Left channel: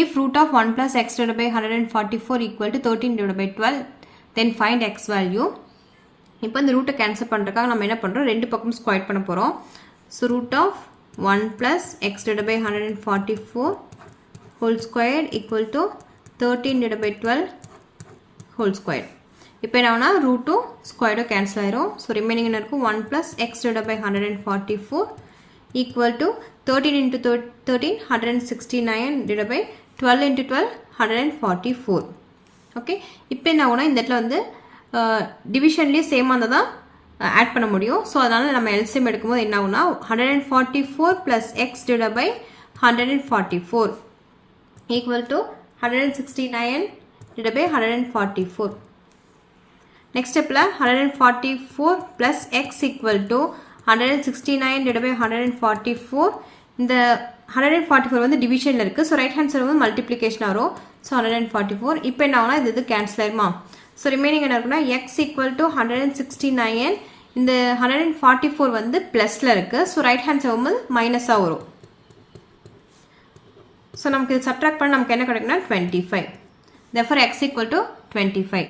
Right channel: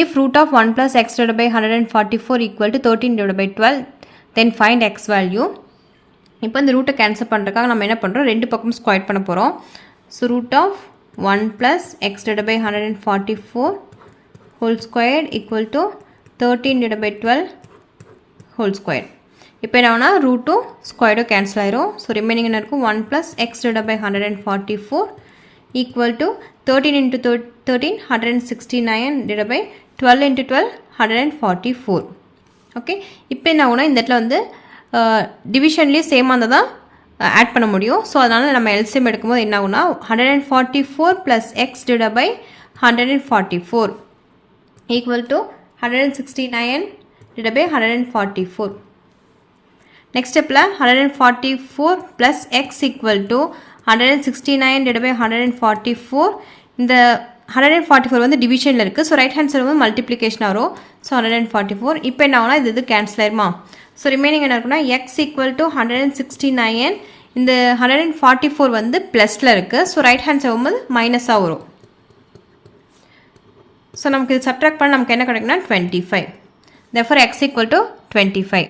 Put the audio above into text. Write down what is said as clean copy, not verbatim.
If root of 1 plus x divided by 144 equal to 13 divided by 12, then find x value. இப்போ இந்த ரூட்டை cancel பண்ணுறதுக்காக நம்ம என்ன பண்ணுறோம், ரெண்டு பக்கம் ஸ்கொயர் பண்ண போகிறோம். So root of 1 plus x divided by 144 whole square equal to 13 divided by 12 whole square. இப்போ என்ன ரூட்டும் ஸ்கொயரும் கேன்சல் ஆயிரும். ஸோ ரிமைனிங் என்ன இருக்கும், 1 plus x divided by 144 equal to 13 into 13 169 divided by 12 into 12 144. Okay, இப்போ என்ன ஆகுனா இந்த இடத்துல வந்து டிவிஷன்லேயும் சேமாக இருந்தால் தான் ஆட் பண்ண முடியும். ஸோ அதனால் நம்ம எல்சிஎம் எடுக்கும்போது என்ன ஆகுனா 144 plus x divided by 144 equal to 169 divided by 144. Next stepல 144 plus x equal to 169 divided by 144. இந்த 144 வந்து டிவிஷனில் இருக்குது. ஸோ ரைட் ஹேண்ட் சைடு வந்து மல்டிப்ளிகேஷன் வரும். ஸோ 144 இப்போ என்ன ஆகுனா இது கேன்சல் ஆயிருமா. ஸோ ரிமைனிங் என்ன இருக்குன்னா எக்ஸ் ஈக்குவல் டு 169. இந்த 144 வந்து ப்ளஸில் இருக்குது. ஸோ ரைட் ஹேண்ட் சைடு வந்து மைனஸாக வரும். ஸோ நமக்கு இது சப்ட்ராக்ட் பண்ண நமக்கு என்ன கிடைக்குன்னா 25. therefore x equal to 25.